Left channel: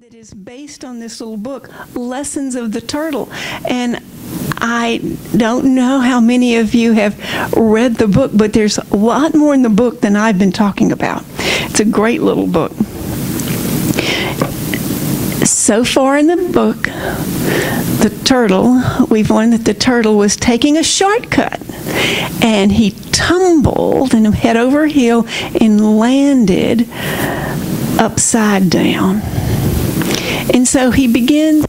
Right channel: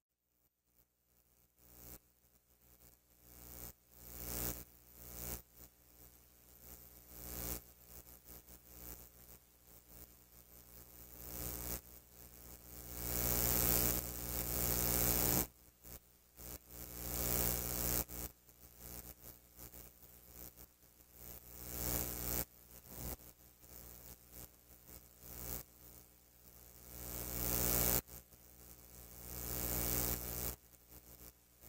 that is based on this little book, Lessons of the Turtle. And I don't know how many of you have read the book, but there's a lot more in the book than I've been talking about. It's a great little book. So far in the book, we've learned that the turtle was taking a shortcut, and he tumbled and head over heel and landed upside down. And so he begins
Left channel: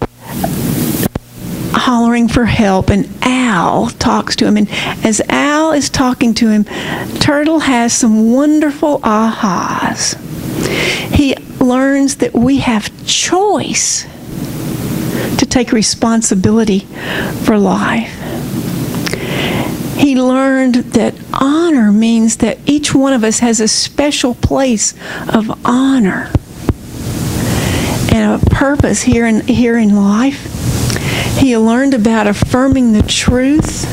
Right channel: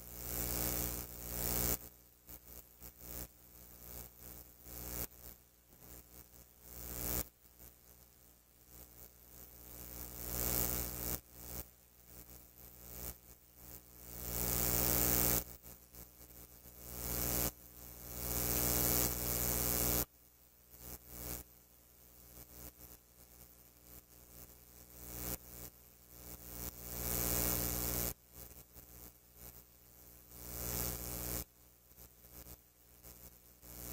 hollering for help, and Al talks to him. And as Al is talking to him, Turtle has some wonderful ahas. He learns that we have choice to take responsibility for life. He learned that honor means that each one of us has a special place of honor and a purpose here in life. He learned about affirming the truth.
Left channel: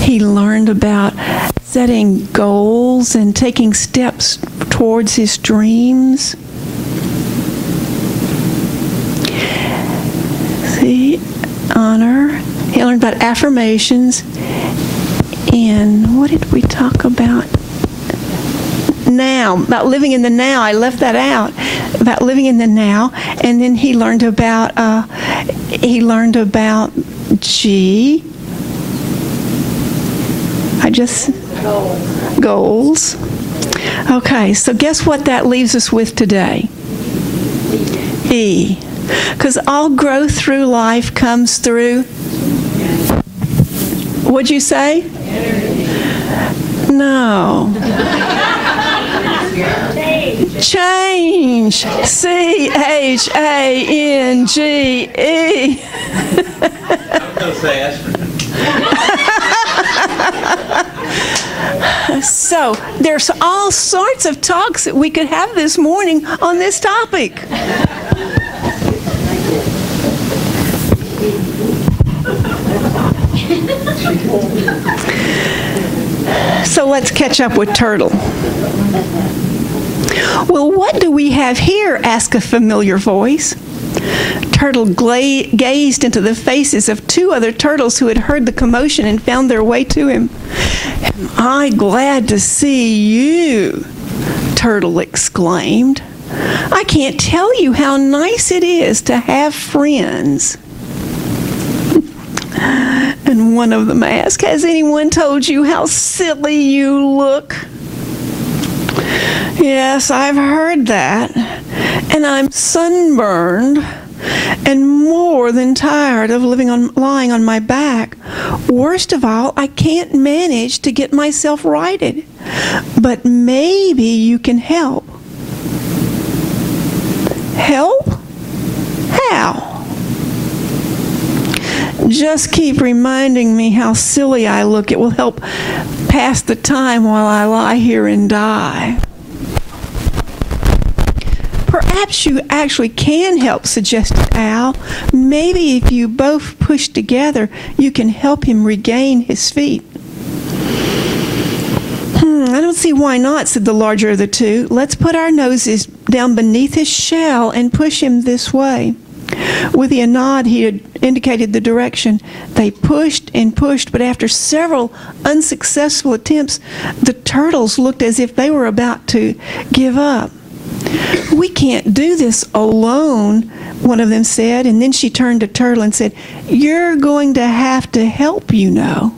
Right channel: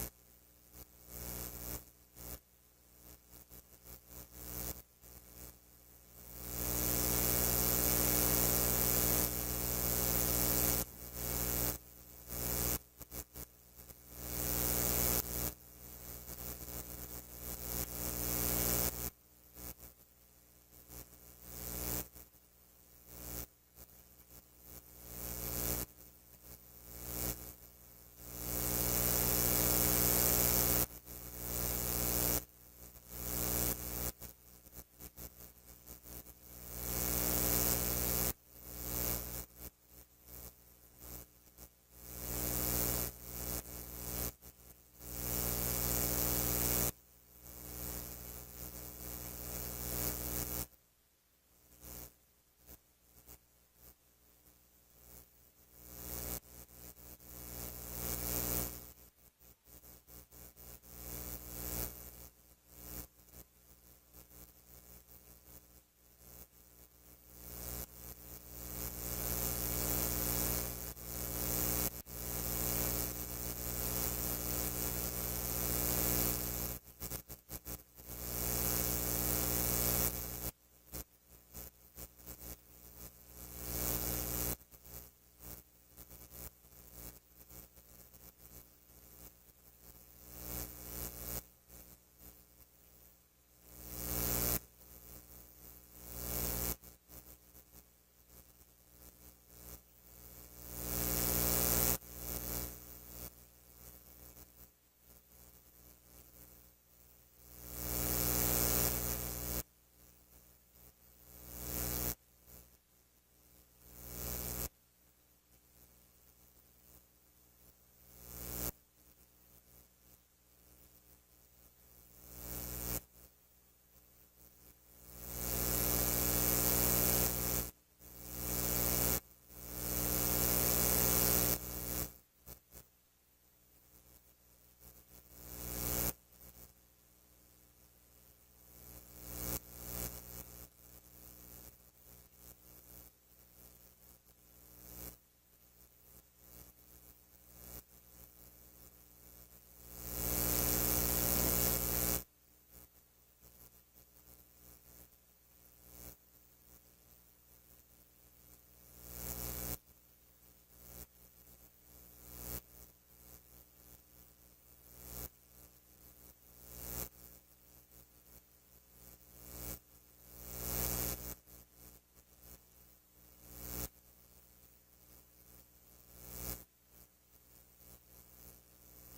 He learned about setting goals and taking steps towards his dreams. See, honor. He learned about affirmations. And what did we talk about? Now, about living in the now. I left that out. About living in the now. And then he learned about goals. Okay, so guess what that leaves us with today? E. Because all growth through life comes through, what'd you say? No. Change. C-H-A-N-G-E. I'm going to say estrogen. So there's all sorts of talks that we could have this morning on this topic. So let's catch up with Turtle. Well, what do we have here? Asked a familiar voice. Turtle gazed into the faces of two other turtles who had heard the commotion and found their way to him. "Am I glad to see you," Turtle exclaimed. "I can't tell you how nice it is to have friends." And one of them asked, "Has anyone told you how silly you look?" "Yes, I've heard that, and I'm sunburned and more than tired of lying on my back. Worst of all, I can't manage to get myself righted. But maybe you can help." "Help? How?" "Just keep reminding me how silly I look. It will help pass the time while I lie here and die." "Perhaps you actually can help," suggested Al. "Maybe if you both push together, you can help him regain his feet." "I don't see why not," said the larger of the two. "Let's put our noses down beneath his shell and push him this way." With a nod, he had indicated the direction. They pushed and pushed, but after several unsuccessful attempts, the turtles looked as if they were about to give up. "We can't do this alone," one of them said, and then she turned to Turtle and said, "You're going to have to help, you know.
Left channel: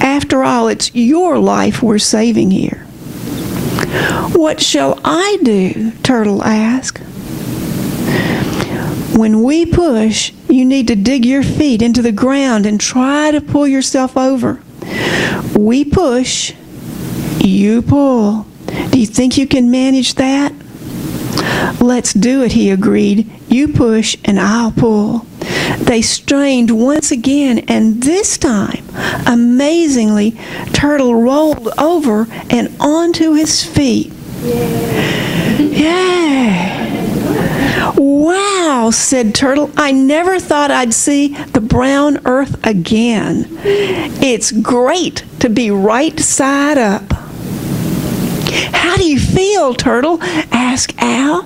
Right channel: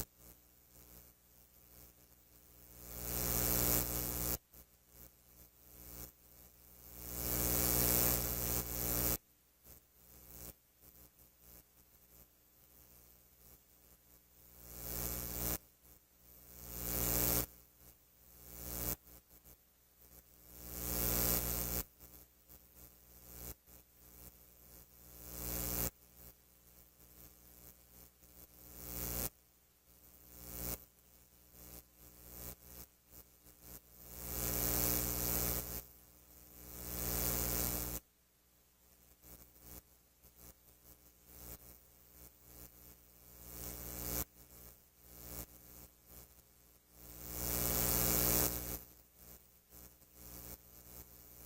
After all, it's your life we're saving here." "What shall I do?" Turtle asked. "When we push, you need to dig your feet into the ground and try to pull yourself over. We push, you pull. Do you think you can manage that?" "Let's do it," he agreed. "You push and I'll pull." They strained once again, and this time, amazingly, Turtle rolled over and onto his feet. Yay! "Wow," said Turtle. "I never thought I'd see the brown earth again. It's great to be right side up." "How do you feel, Turtle?" asked Al.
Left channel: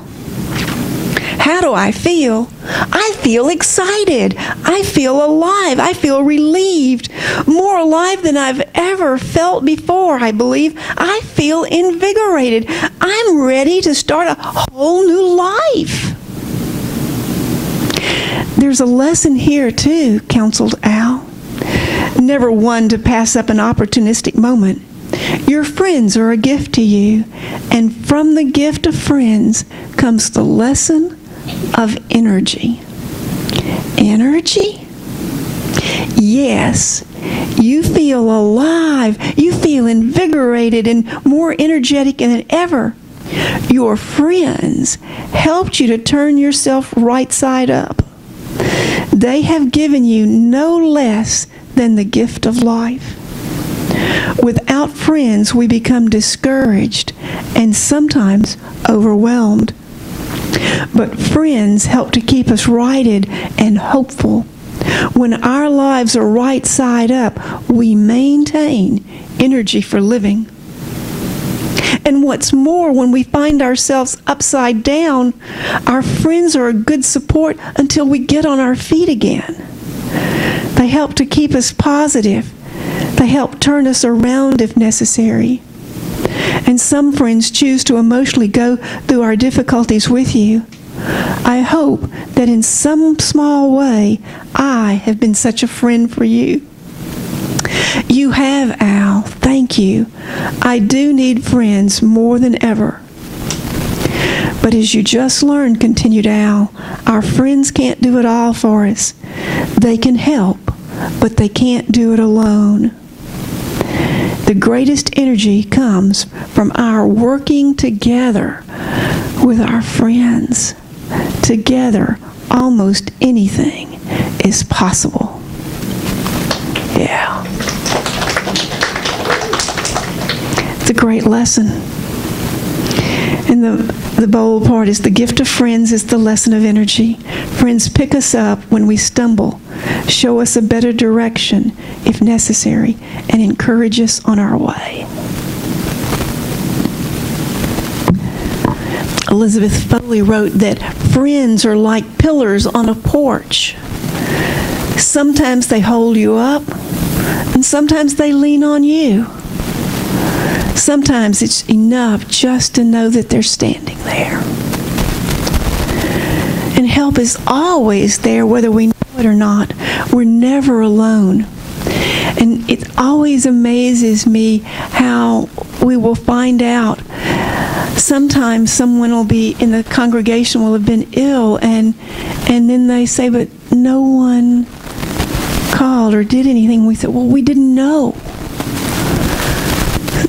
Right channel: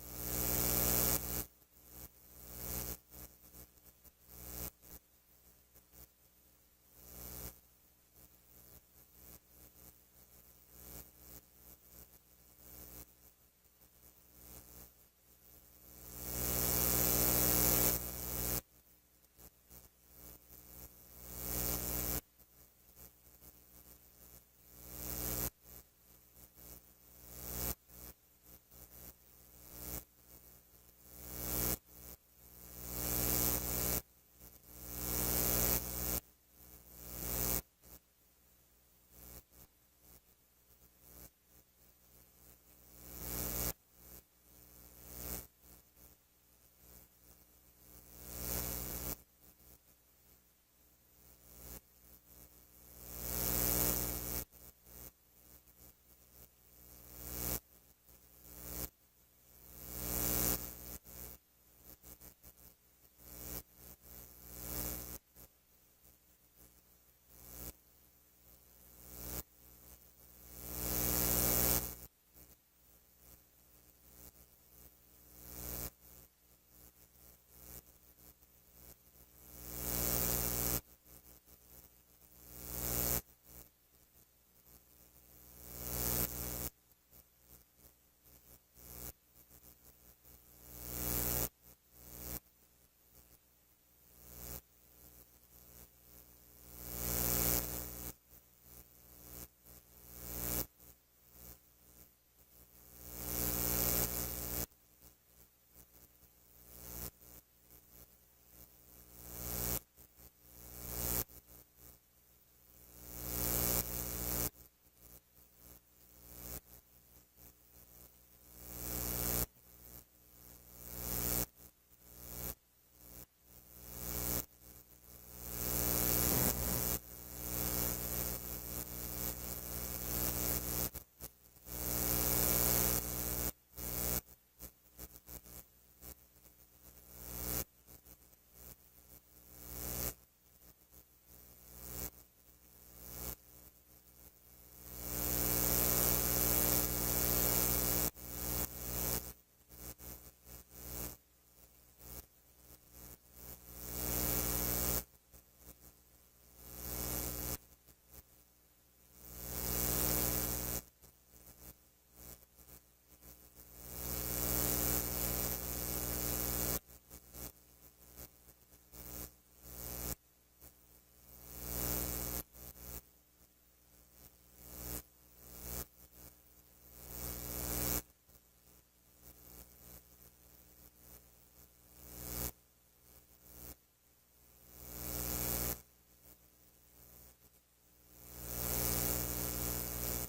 How do I feel? I feel excited. I feel alive. I feel relieved. More alive than I've ever felt before, I believe. I feel invigorated. I'm ready to start a whole new life. There's a lesson here, too, counseled Al. Never one to pass up an opportunistic moment. Your friends are a gift to you, and from the gift of friends comes the lesson of energy. Energy? Yes, you feel alive. You feel invigorated and more energetic than ever. Your friends helped you to turn yourself right side up. They have given you no less than the gift of life. Without friends, we become discouraged and sometimes overwhelmed. But friends help to keep us righted and hopeful. When our lives are right side up, we maintain energy for living. And what's more, when we find ourselves upside down, our friends are a good support until we get on our feet again. They help to keep us positive. They help turn us around if necessary. And some friends choose to emotionally go through our difficulties with you. I hope that in some small way, I have been such a friend for you. You have, Al. Thank you. I do need friends more than ever. But as you just learned, continued Al, our friends can't do it all for us. They can help, but they can't do it alone. The greatest energy comes from our working together with our friends. Together, almost anything is possible. Yeah. It's a great lesson. And the bold part is the gift of friends is the lesson of energy. Friends pick us up when we stumble, show us a better direction if necessary, and encourage us on our way. Elizabeth Foley wrote that friends are like pillars on a porch. Sometimes they hold you up, and sometimes they lean on you. Sometimes it's enough just to know that they're standing there. And help is always there, whether we know it or not. We're never alone. And it always amazes me how we will find out. Sometimes someone will be in the congregation will have been ill, and then they say, but no one called or did anything. We said, well, we didn't know.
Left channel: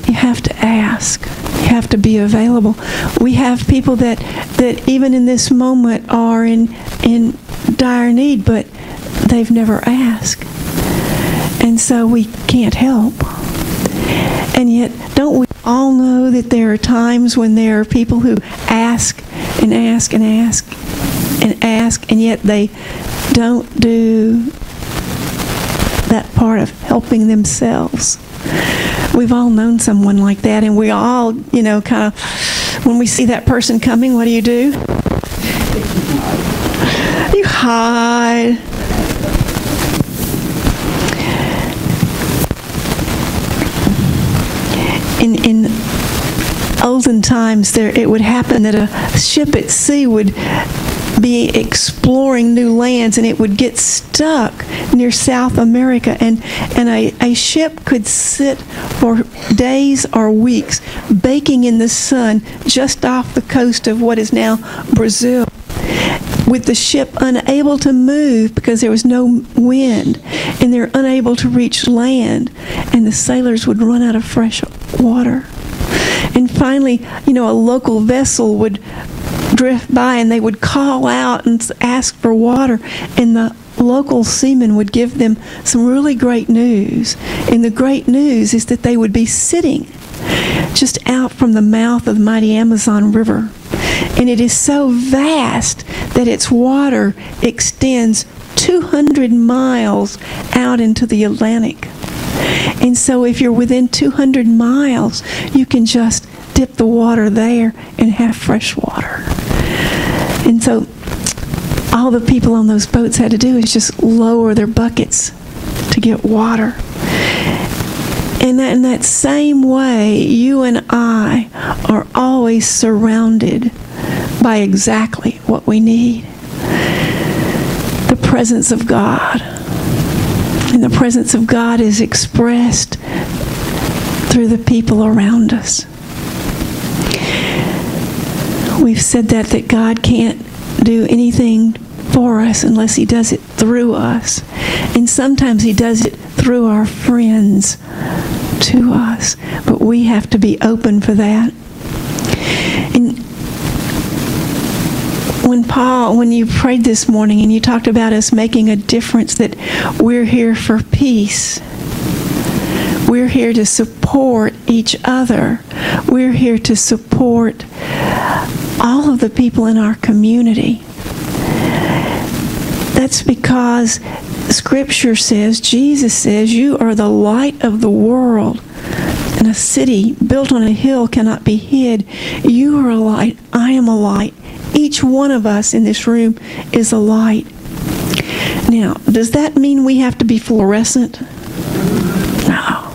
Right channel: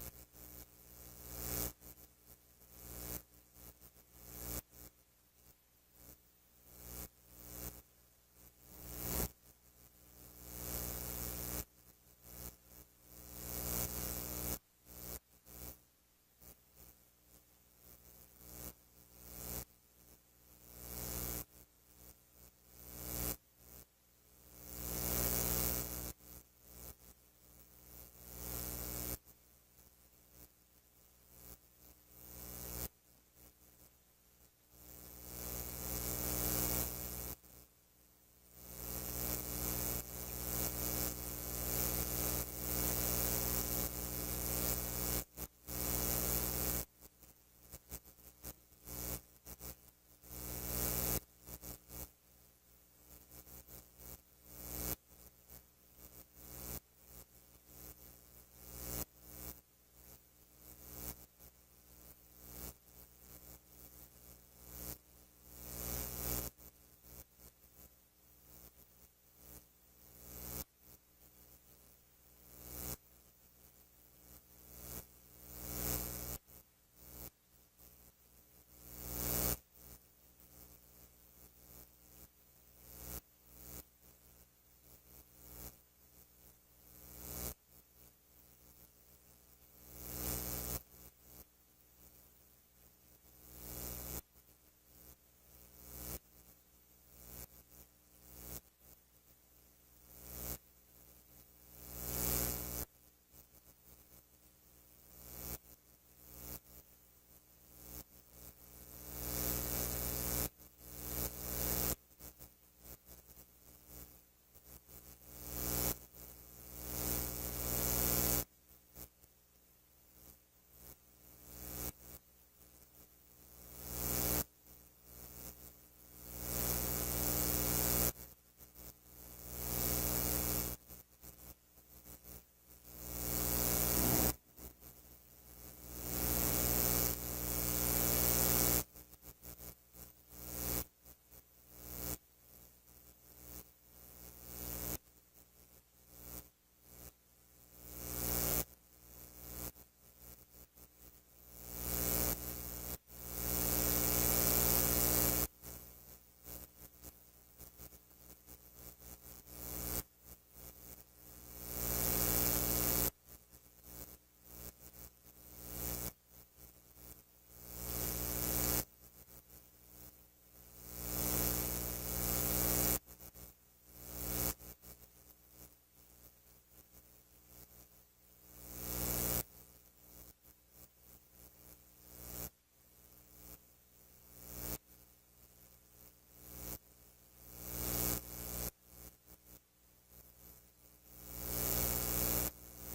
You have to ask. You have to be available. We have people that even in this moment are in dire need, but they've never asked. And so we can't help. And yet, don't we all know that there are times when there are people who ask and ask and ask and ask, and yet they don't do that part of helping themselves? We've all known someone like that, and we all, kind of, when we see that person coming, what do? You hide. In olden times, it would happen that a ship at sea would be exploring new lands, and it would get stuck near South America, and a ship could sit for days or weeks baking in the sun just off the coast of what is now Brazil, with the ship unable to move because there was no wind, and they're unable to reach land, and the sailors would run out of fresh water. And finally, a local vessel would drift by, and they would call out and ask for water, and the local seamen would give them some really great news. And the great news is that they would be sitting just out from the mouth of the mighty Amazon River. And it is so vast that its water extends 200 miles out into the Atlantic. And so if you're within 200 miles, you can just dip the water there and have fresh water. And so all the people on those boats had to do is just lower their buckets to get water. And in that same way, you and I are always surrounded by exactly what we need. The presence of God. And the presence of God is expressed through the people around us. We've said that God can't do anything for us unless He does it through us. And sometimes He does it through our friends to us. But we have to be open for that. And when you prayed this morning and you talked about us making a difference, that we're here for peace. We're here to support each other. We're here to support all of the people in our community. That's because Scripture says, Jesus says, you are the light of the world. And a city built on a hill cannot be hid. You are a light. I am a light. Each one of us in this room is a light. Now, does that mean we have to be fluorescent? No.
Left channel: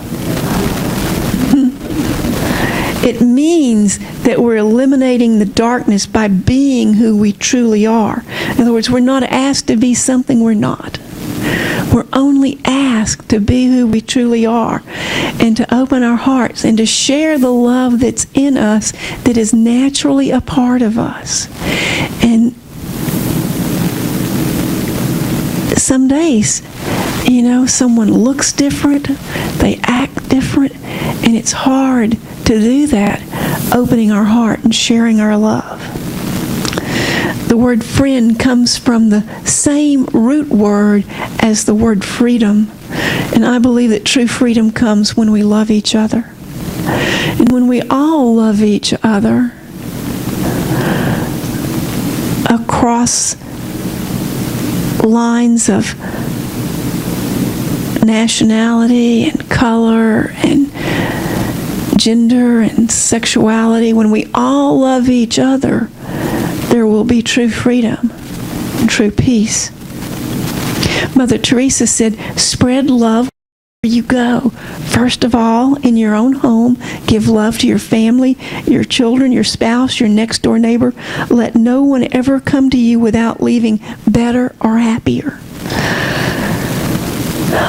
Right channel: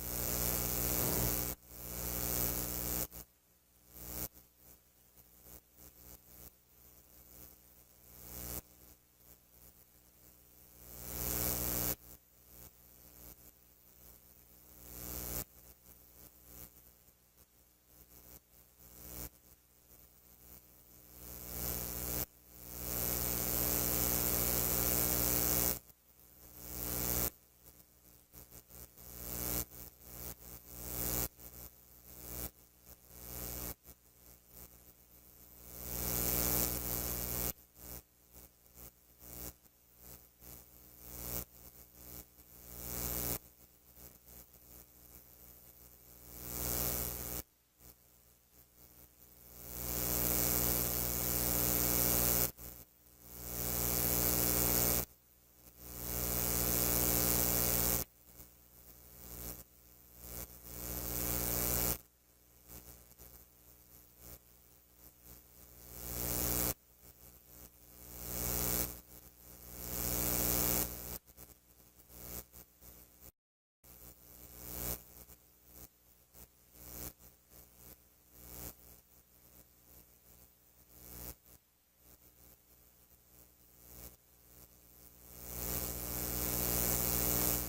It means that we're eliminating the darkness by being who we truly are. In other words, we're not asked to be something we're not. We're only asked to be who we truly are and to open our hearts and to share the love that's in us that is naturally a part of us. And some days, someone looks different, they act different, and it's hard to do that, opening our heart and sharing our love. The word friend comes from the same root word as the word freedom. And I believe that true freedom comes when we love each other. And when we all love each other across lines of nationality and color and gender and sexuality, when we all love each other, there will be true freedom and true peace. Mother Teresa said, spread love where you go. First of all, in your own home, give love to your family, your children, your spouse, your next door neighbor. Let no one ever come to you without leaving better or happier.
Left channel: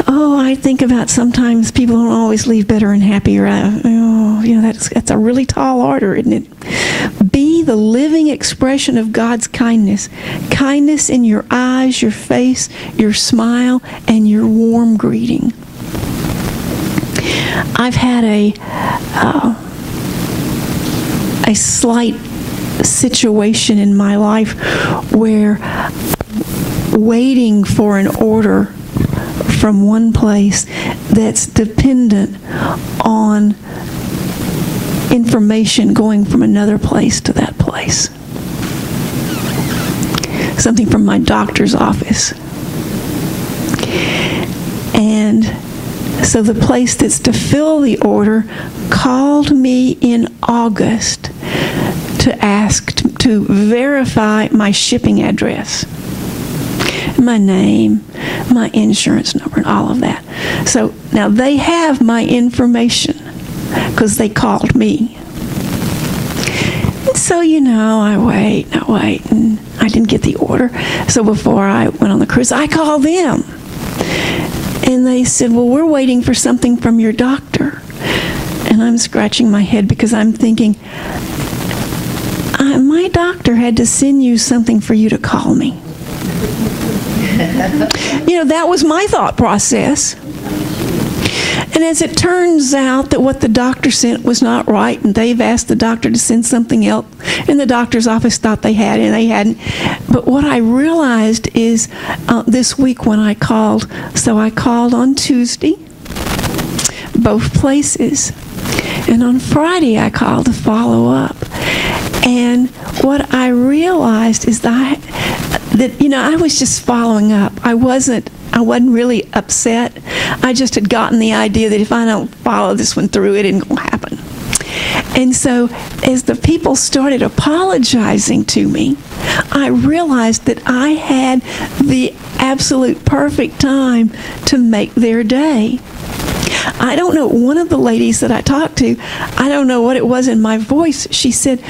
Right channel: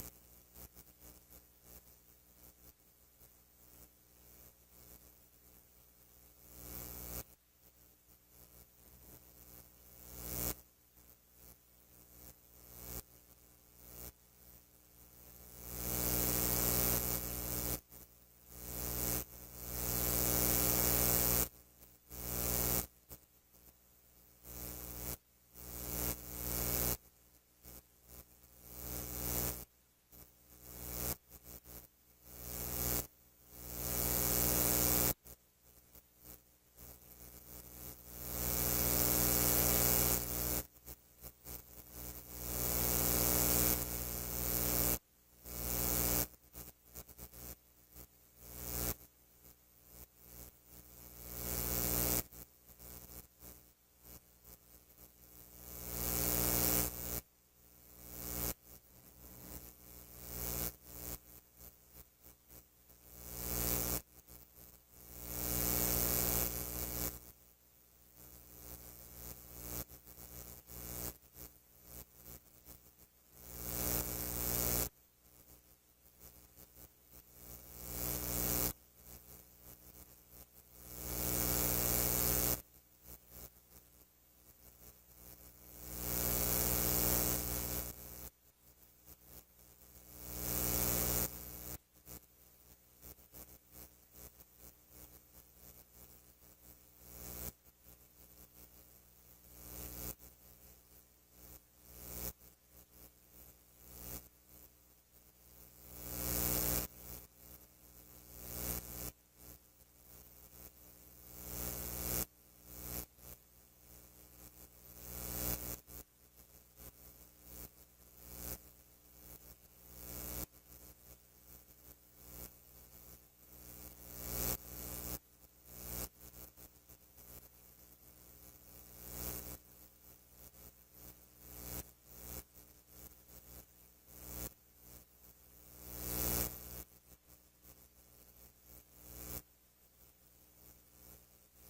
Oh, I think about sometimes people don't always leave better and happier. That's a really tall order, isn't it? Be the living expression of God's kindness. Kindness in your eyes, your face, your smile, and your warm greeting. I've had a slight situation in my life where waiting for an order from one place that's dependent on information going from another place to that place. Something from my doctor's office. And so the place that's to fill the order called me in August to ask to verify my shipping address. My name, my insurance number, and all of that. So now they have my information because they called me. And so, I wait, and I didn't get the order. So before I went on the cruise, I called them. And they said, well, we're waiting for something from your doctor. And I'm scratching my head because I'm thinking, my doctor had to send you something for you to call me. That was my thought process. And as it turns out that what the doctor sent was not right, and they've asked the doctor to send something else, and the doctor's office thought they had, and they hadn't. But what I realized is this week when I called, so I called on Tuesday, both places. And on Friday, I called to follow up. And what I realized is that I was just following up. I wasn't really upset. I just had gotten the idea that if I don't follow this one through, it isn't going to happen. And so as the people started apologizing to me, I realized that I had the absolute perfect time to make their day. I don't know, one of the ladies that I talked to, I don't know what it was in my voice. She said,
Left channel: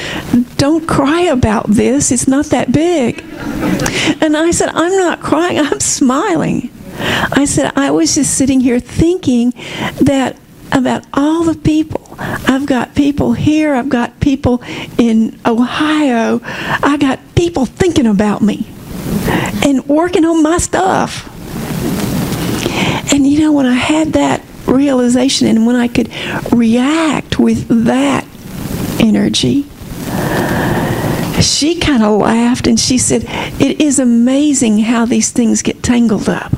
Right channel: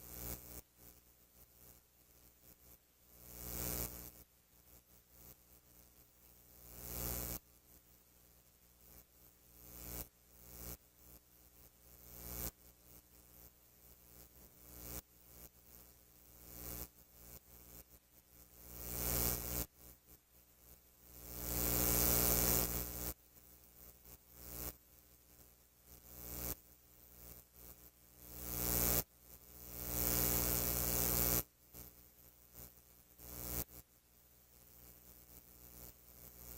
"Don't cry about this. It's not that big." And I said, "I'm not crying. I'm smiling." I said, "I was just sitting here thinking that about all the people. I've got people here. I've got people in Ohio. I got people thinking about me and working on my stuff." And you know, when I had that realization and when I could react with that energy, she kind of laughed and she said, "It is amazing how these things get tangled up."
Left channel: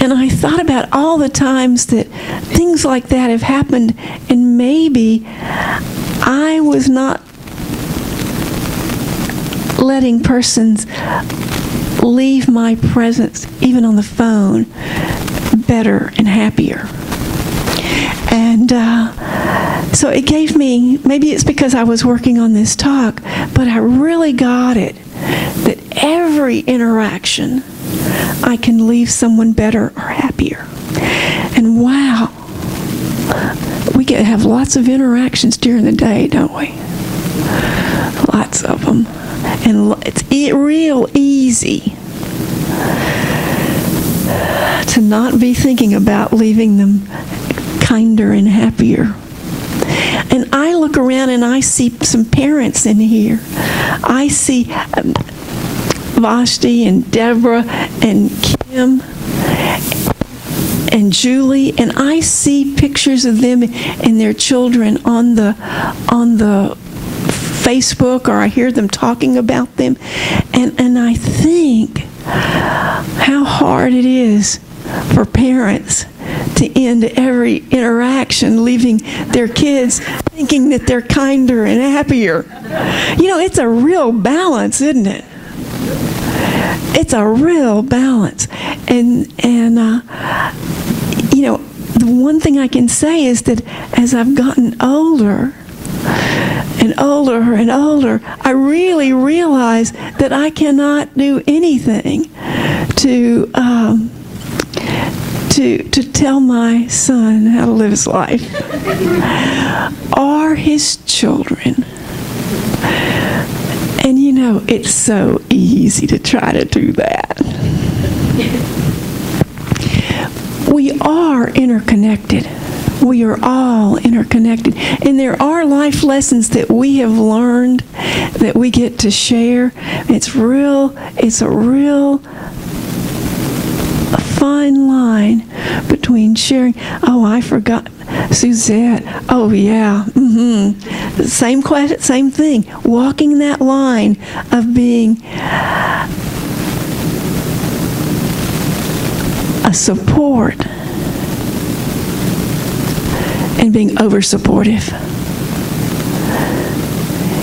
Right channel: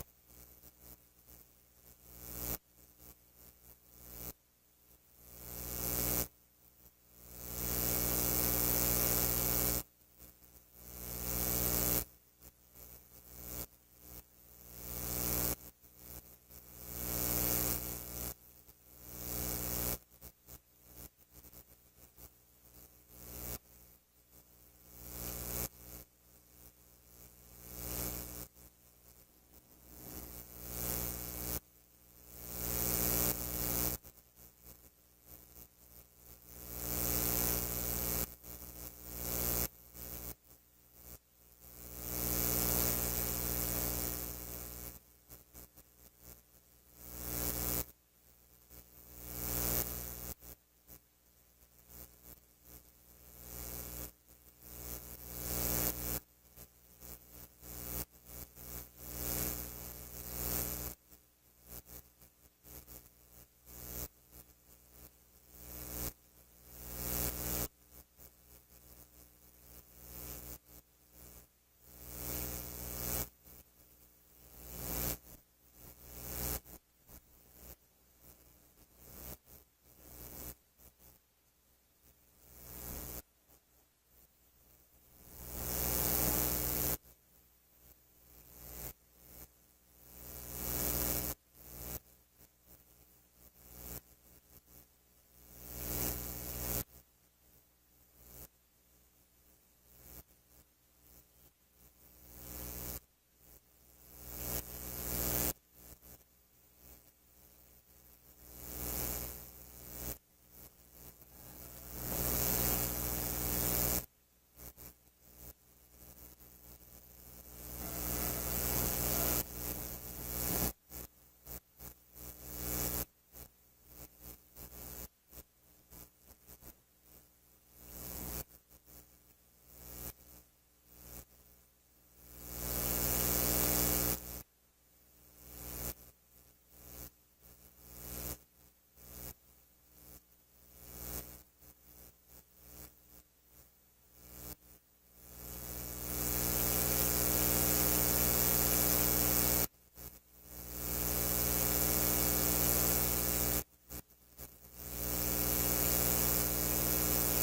And I thought about all the times that things like that have happened, and maybe I was not letting persons leave my presence, even on the phone, better and happier. And so it gave me, maybe it's because I was working on this talk, but I really got it, that every interaction I can leave someone better or happier. And wow, we get to have lots of interactions during the day, don't we? Lots of them. And it's real easy to not be thinking about leaving them kinder and happier. And I look around and I see some parents in here. I see Vashti and Deborah and Kim and Julie, and I see pictures of them and their children on the Facebook, or I hear them talking about them, and I think how hard it is for parents to end every interaction leaving their kids thinking that they're kinder and happier. You know, it's a real balance, isn't it? It's a real balance. And you know, the one thing I can say is that as I've gotten older and older and older, I really realize that I cannot do anything to tell my son how to live his life or his children. And you know, it's so easy to try to do that. We are interconnected. We are all interconnected. And there are life lessons that we have learned that we get to share. It's a real fine line between sharing. Oh, I forgot. Suzette. Oh, yeah. Same question, same thing. Walking that line of being a support and being over-supportive.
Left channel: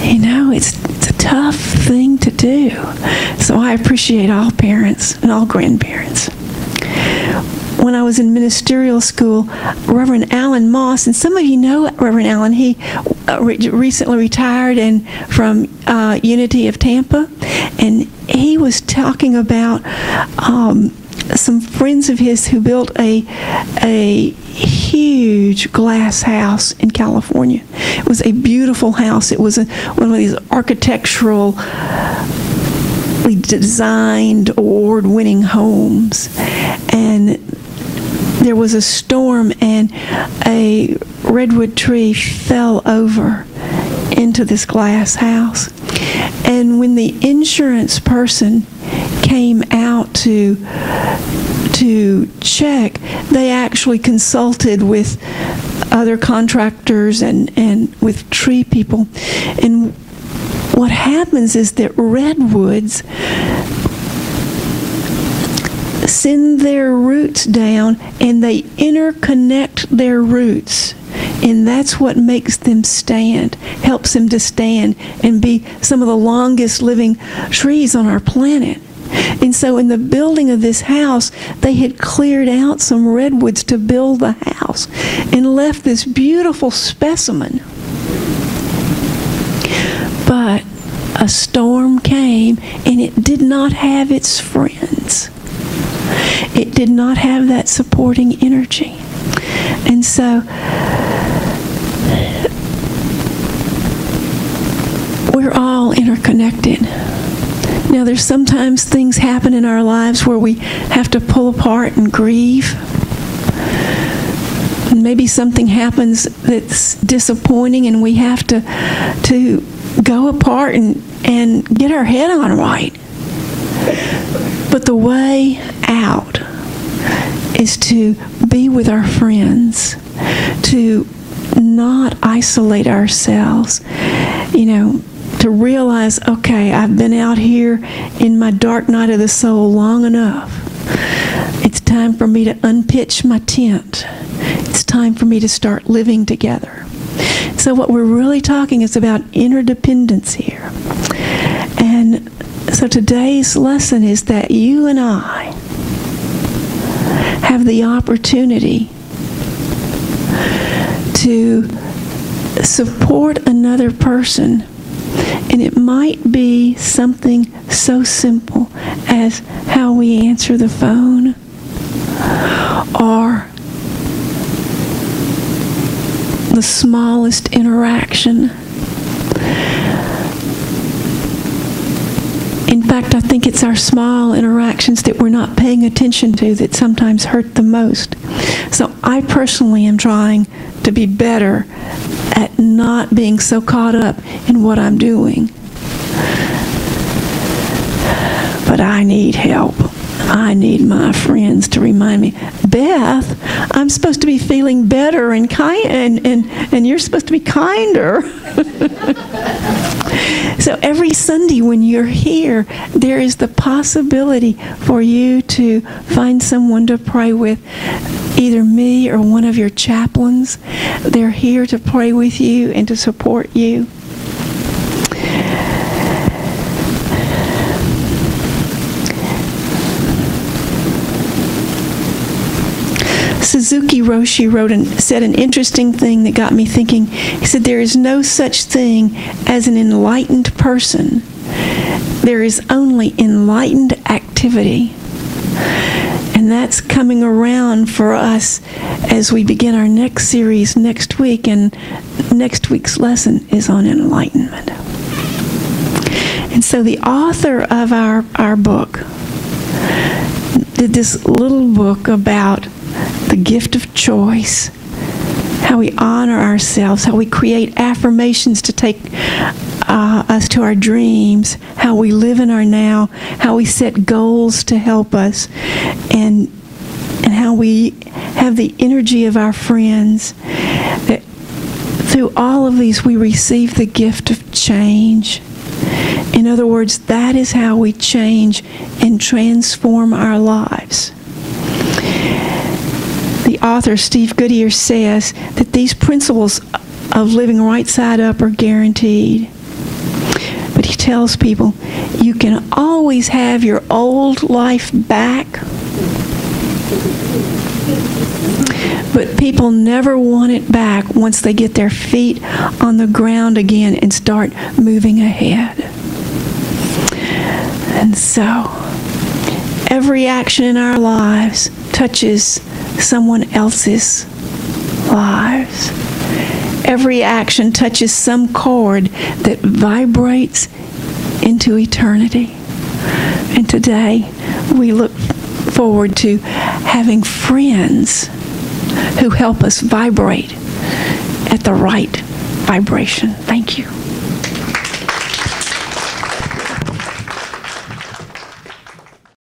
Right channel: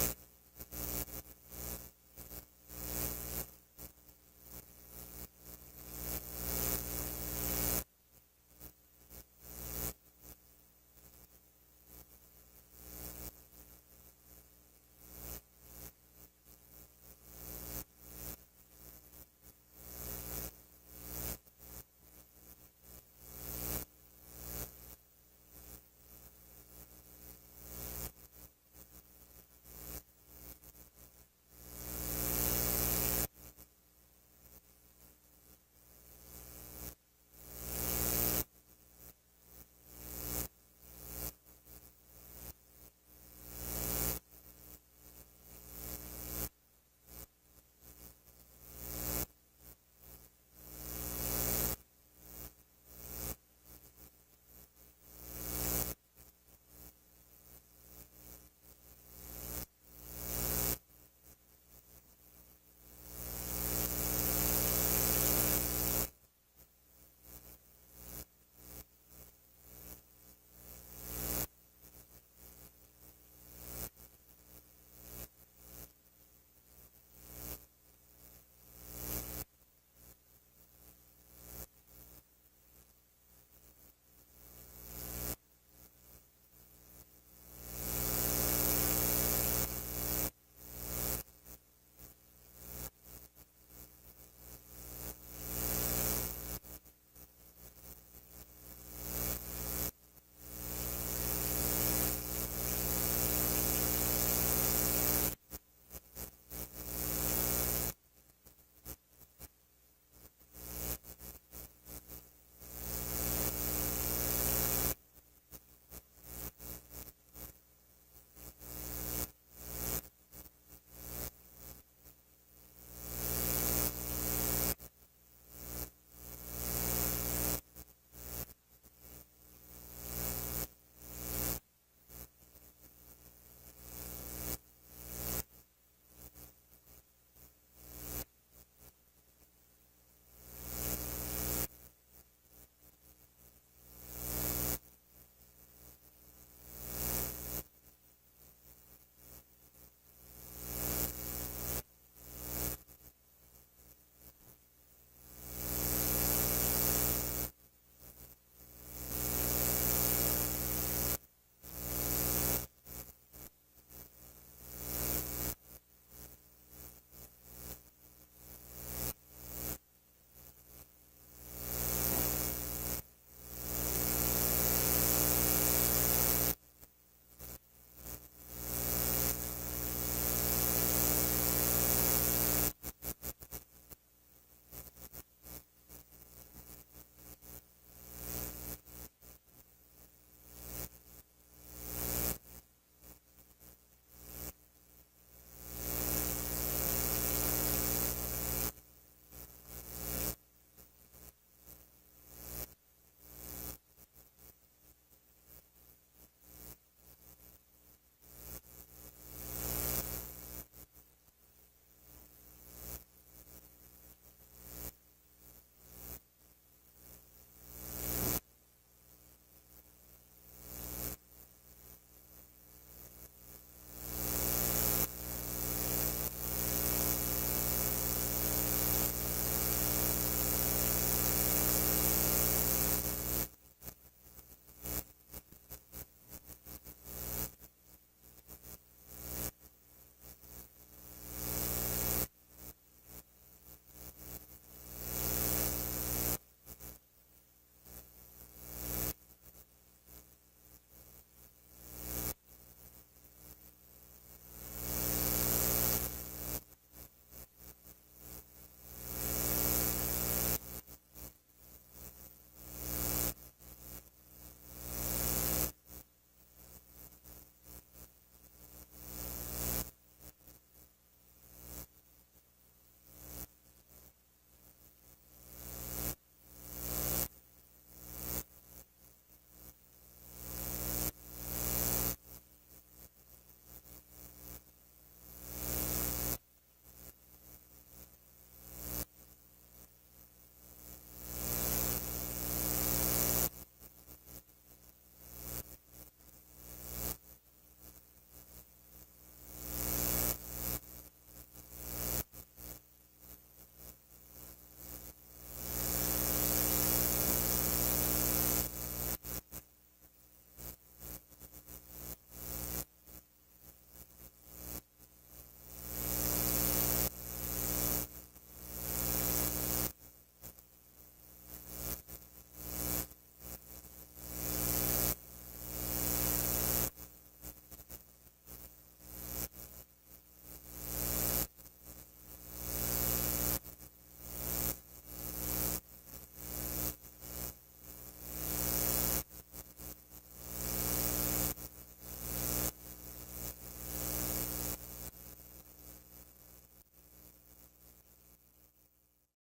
You know, it's a tough thing to do. So I appreciate all parents and all grandparents. When I was in ministerial school, Reverend Alan Moss, and some of you know Reverend Alan, he recently retired and from Unity of Tampa, and he was talking about some friends of his who built a huge glass house in California. It was a beautiful house. It was one of these architecturally designed, award-winning homes. And there was a storm, and a redwood tree fell over into this glass house. And when the insurance person came out to check, they actually consulted with other contractors and with tree people. And what happens is that redwoods send their roots down and they interconnect their roots. And that's what makes them stand, helps them to stand and be some of the longest living trees on our planet. And so in the building of this house, they had cleared out some redwoods to build the house and left this beautiful specimen. But a storm came and it did not have its friends. It did not have that supporting energy. And so we're all interconnected. Now, there's sometimes things happen in our lives where we have to pull apart and grieve. And maybe something happens that's disappointing and we have to go apart and get our head on right. But the way out is to be with our friends, to not isolate ourselves, to realize, okay, I've been out here in my dark night of the soul long enough. It's time for me to unpitch my tent. It's time for me to start living together. So what we're really talking is about interdependence here. And so today's lesson is that you and I have the opportunity to support another person. And it might be something so simple as how we answer the phone, or the smallest interaction. In fact, I think it's our small interactions that we're not paying attention to that sometimes hurt the most. So I personally am trying to be better at not being so caught up in what I'm doing. But I need help. I need my friends to remind me, Beth, I'm supposed to be feeling better and kind, and you're supposed to be kinder. So every Sunday when you're here, there is the possibility for you to find someone to pray with, either me or one of your chaplains. They're here to pray with you and to support you. Suzuki Roshi said an interesting thing that got me thinking. He said, there is no such thing as an enlightened person. There is only enlightened activity. And that's coming around for us as we begin our next series next week, and next week's lesson is on enlightenment. And so the author of our book did this little book about the gift of choice, how we honor ourselves, how we create affirmations to take us to our dreams, how we live in our now, how we set goals to help us, and how we have the energy of our friends. That through all of these, we receive the gift of change. In other words, that is how we change and transform our lives. The author, Steve Goodyear, says that these principles of living right side up are guaranteed. But he tells people, you can always have your old life back, but people never want it back once they get their feet on the ground again and start moving ahead. And so, every action in our lives touches someone else's lives. Every action touches some chord that vibrates into eternity. And today, we look forward to having friends who help us vibrate at the right vibration. Thank you.